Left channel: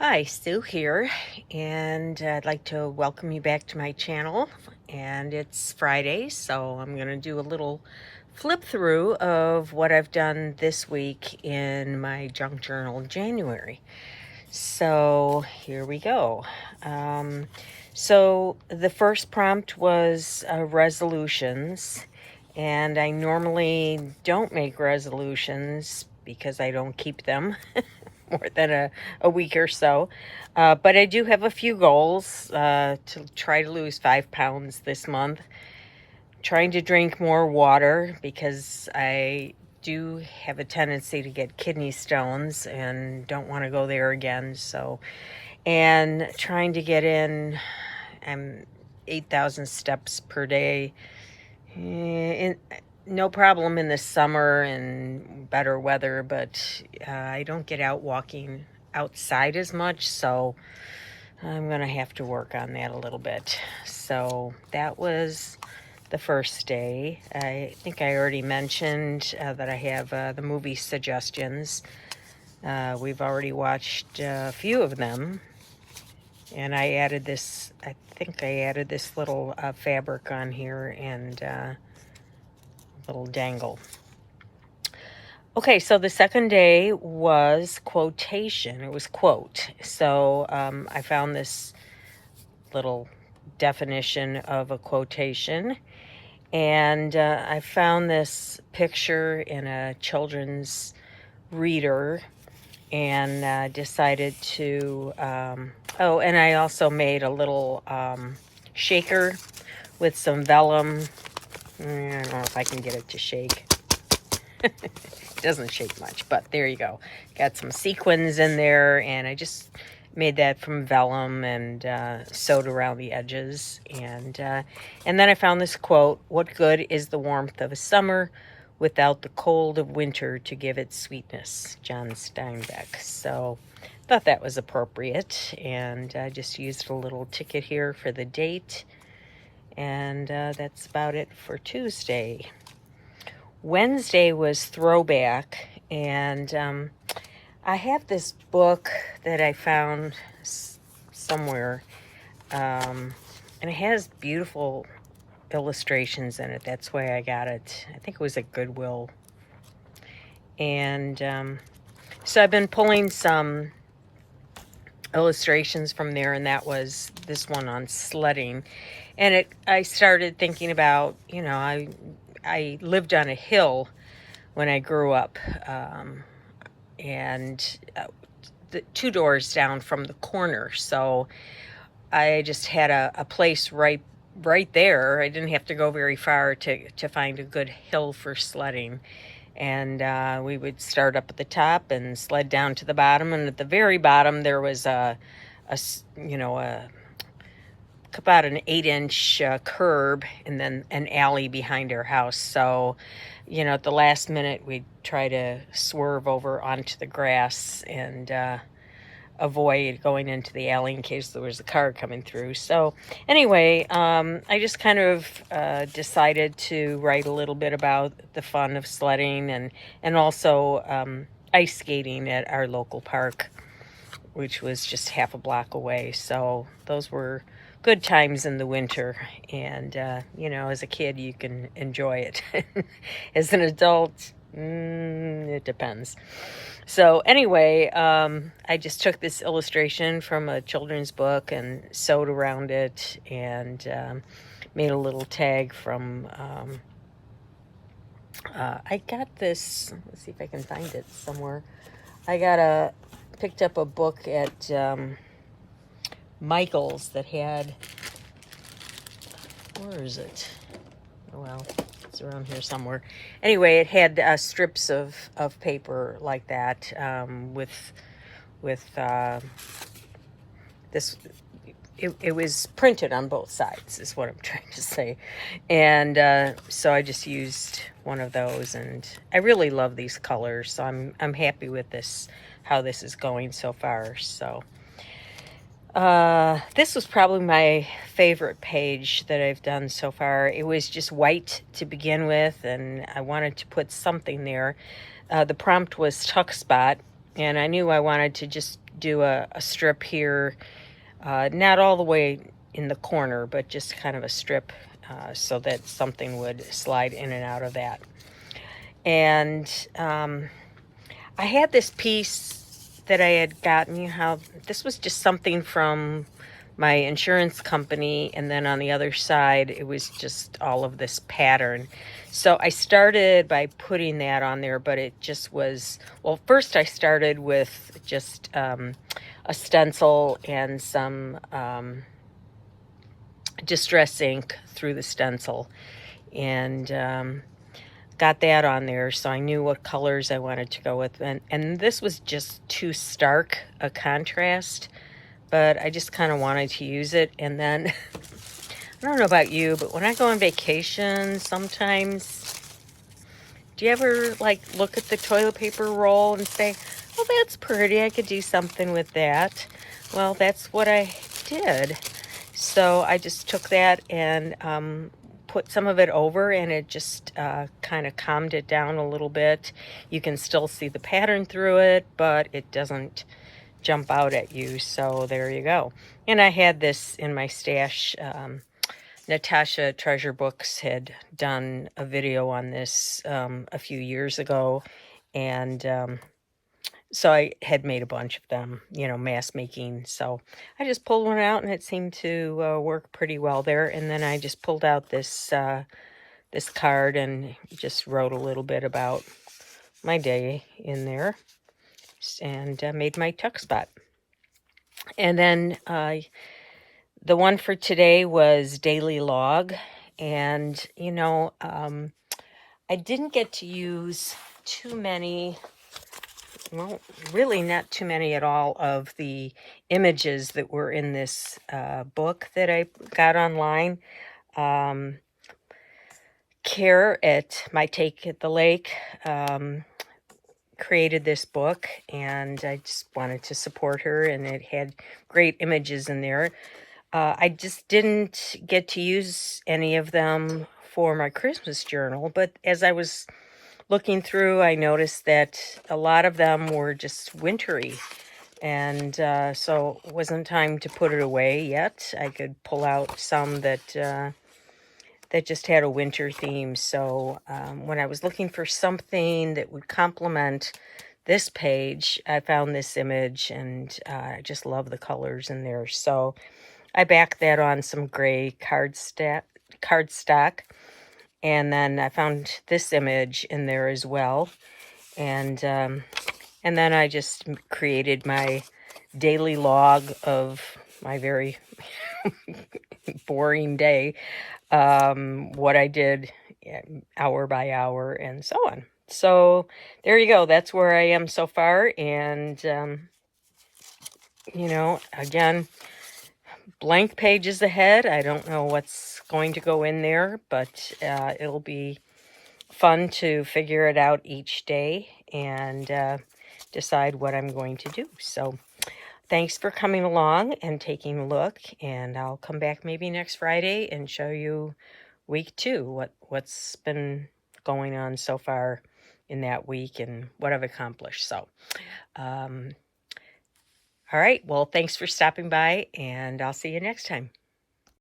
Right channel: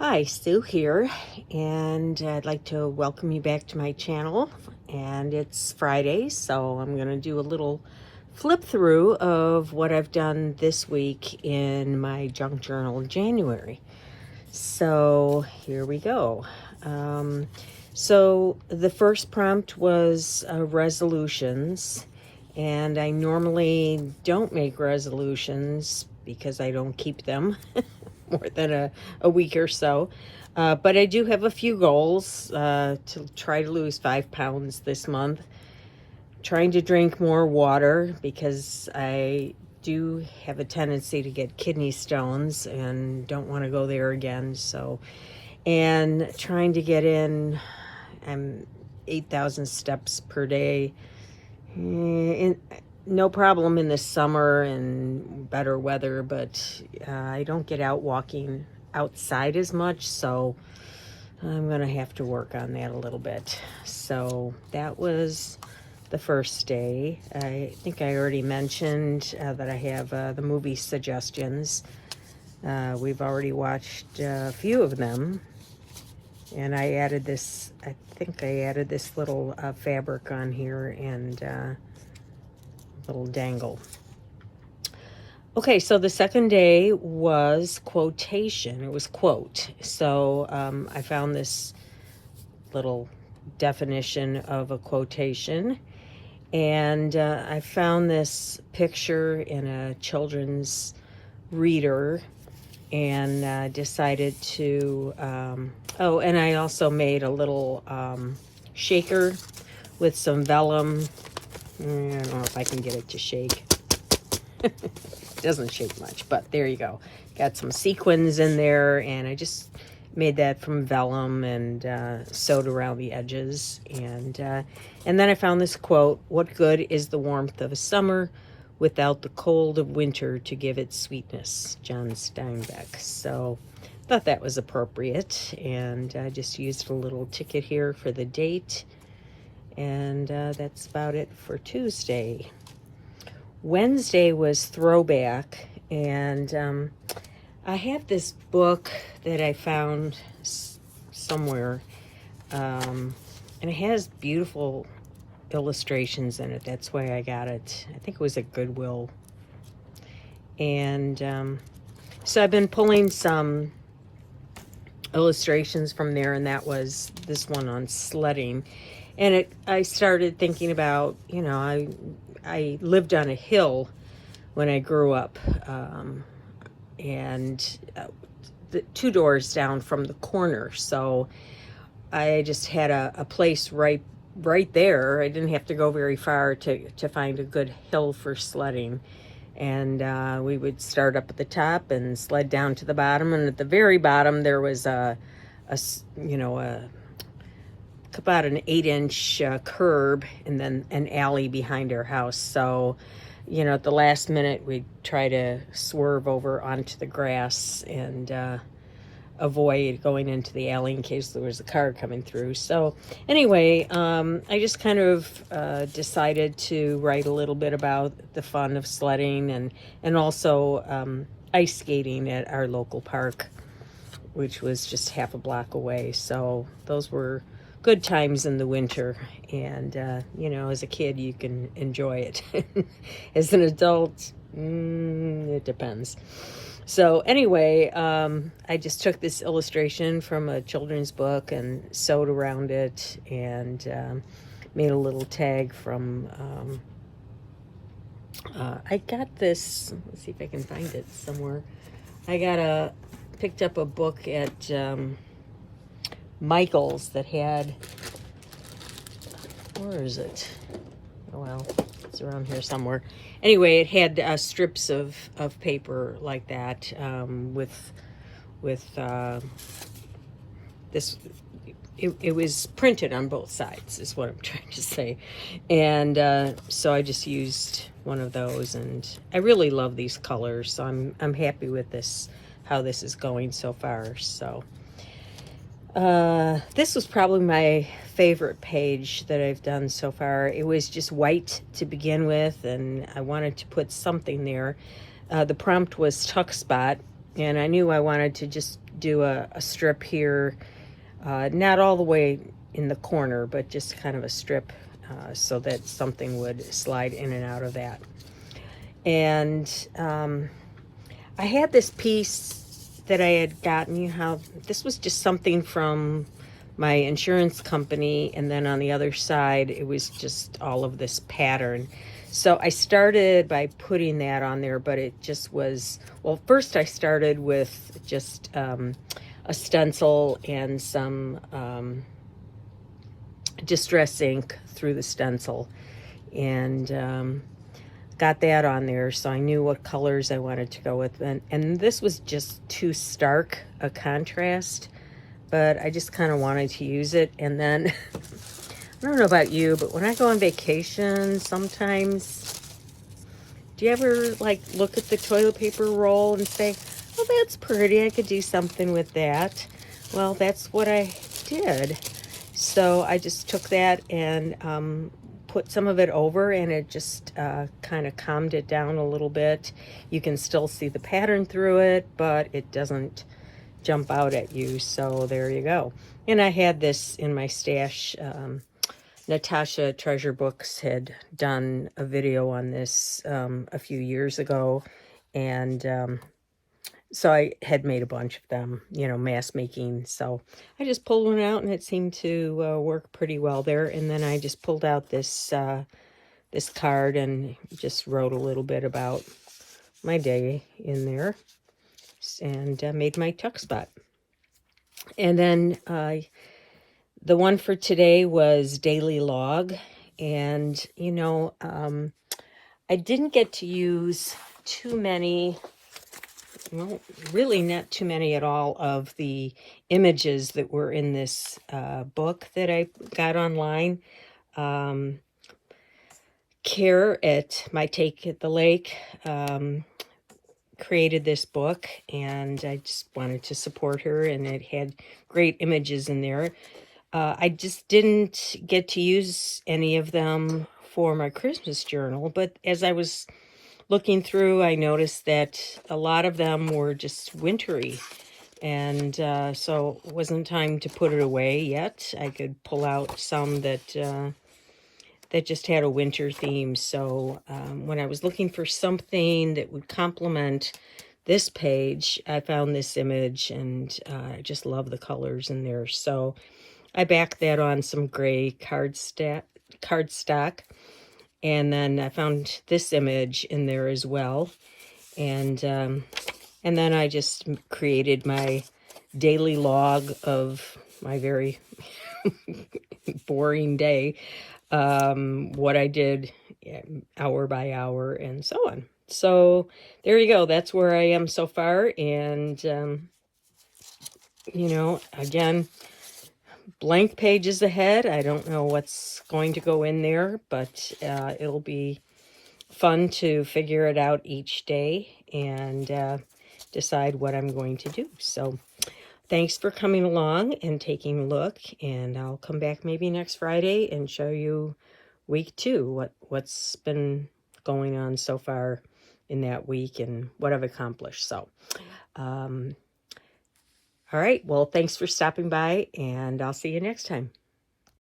Hi, Sue here, and I'd like to welcome you back to my channel. And it's Friday, so I'm going to do a little flip through of what I've done this week in my junk journal January. So here we go. So the first prompt was resolutions, and I normally don't make resolutions because I don't keep them more than a week or so. But I do have a few goals to try to lose 5 pounds this month. Trying to drink more water because I do have a tendency to get kidney stones and don't want to go there again. So, and trying to get in 8,000 steps per day. No problem in the summer and better weather, but I don't get out walking outside as much, so I'm going to have to work on that a little bit. So that was the first day. I think I already mentioned that I have the movie suggestions. We've already watched a few of them, and I added this, I think I added this little fabric on here and little dangle. Okay, so the second day was quotation. It was quote. So I found this little definition of a quotation, and I found this picture in a children's reader and decided to, oh, and I also made a little shaker with some vellum. I don't know if I can get it to shake. It doesn't shake much, but there you go. Got some sequins in there, and I just made that from vellum and sewed around the edges. And then I found this quote: "What good is the warmth of a summer without the cold of winter to give it sweetness?" John Steinbeck. So I thought that was appropriate, and I just used a little ticket here for the date. And that's about it for Tuesday. Wednesday was Throwback, and I have this book that I found somewhere, and it has beautiful illustrations in it. That's why I got it. I think it was at Goodwill. And so I've been pulling some illustrations from there, and that was this one on sledding. And I started thinking about, I lived on a hill when I grew up, and the 2 doors down from the corner. So I just had a place right there. I didn't have to go very far to find a good hill for sledding. And we would start up at the top and sled down to the bottom. And at the very bottom, there was about an 8-inch curb and then an alley behind our house. So, at the last minute, we'd try to swerve over onto the grass and avoid going into the alley in case there was a car coming through. So anyway, I just kind of decided to write a little bit about the fun of sledding and also ice skating at our local park, which was just half a block away. So those were good times in the winter, and as a kid you can enjoy it. As an adult, it depends. So anyway, I just took this illustration from a children's book and sewed around it, and made a little tag from I got this, let's see if I can find it somewhere. I picked up a book at Michael's that had, where is it? Oh, well, it's around here somewhere. Anyway, it had strips of paper like that, with this. It was printed on both sides, is what I'm trying to say. And so I just used one of those, and I really love these colors, so I'm happy with this, how this is going so far. So this was probably my favorite page that I've done so far. It was just white to begin with, and I wanted to put something there. The prompt was tuck spot, and I knew I wanted to just do a strip here, not all the way in the corner, but just kind of a strip so that something would slide in and out of that. And I had this piece that I had gotten, you know how this was just something from my insurance company, and then on the other side it was just all of this pattern. So I started by putting that on there, but it just was, well, first I started with just a stencil and some distress ink through the stencil, and got that on there, so I knew what colors I wanted to go with. And this was just too stark a contrast, but I just kind of wanted to use it. And then I don't know about you, but when I go on vacation, sometimes, do you ever like look at the toilet paper roll and say, oh, that's pretty, I could do something with that? Well, that's what I did. So I just took that and put some of it over, and it just kind of calmed it down a little bit. You can still see the pattern through it, but it doesn't jump out at you. So there you go. And I had this in my stash. Natasha Treasure Books had done a video on this a few years ago, and so I had made a bunch of them, you know, mass making. So I just pulled one out, and it seemed to work pretty well there. And then I just pulled out this this card and just wrote a little bit about my day in there, and made my tuck spot. And then the one for today was daily log. And, you know, I didn't get to use too many, well, really not too many at all, of the images that were in this book that I got online. Care at My Take at the Lake created this book, and I just wanted to support her, and it had great images in there. I just didn't get to use any of them for my Christmas journal, but as I was looking through, I noticed that a lot of them were just wintry, and so it wasn't time to put it away yet. I could pull out some that that just had a winter theme. So when I was looking for something that would complement this page, I found this image, and I just love the colors in there. So I backed that on some gray cardstock, and then I found this image in there as well. And then I just created my daily log of my very boring day, what I did hour by hour and so on. So there you go. That's where I am so far. And, you know, again, blank pages ahead. I don't know what's going to go in there, but it'll be fun to figure it out each day and decide what I'm going to do. So thanks for coming along and taking a look, and I'll come back maybe next Friday and show you week 2, what's been going on so far in that week and what I've accomplished. So all right, well, thanks for stopping by, and I'll see you next time.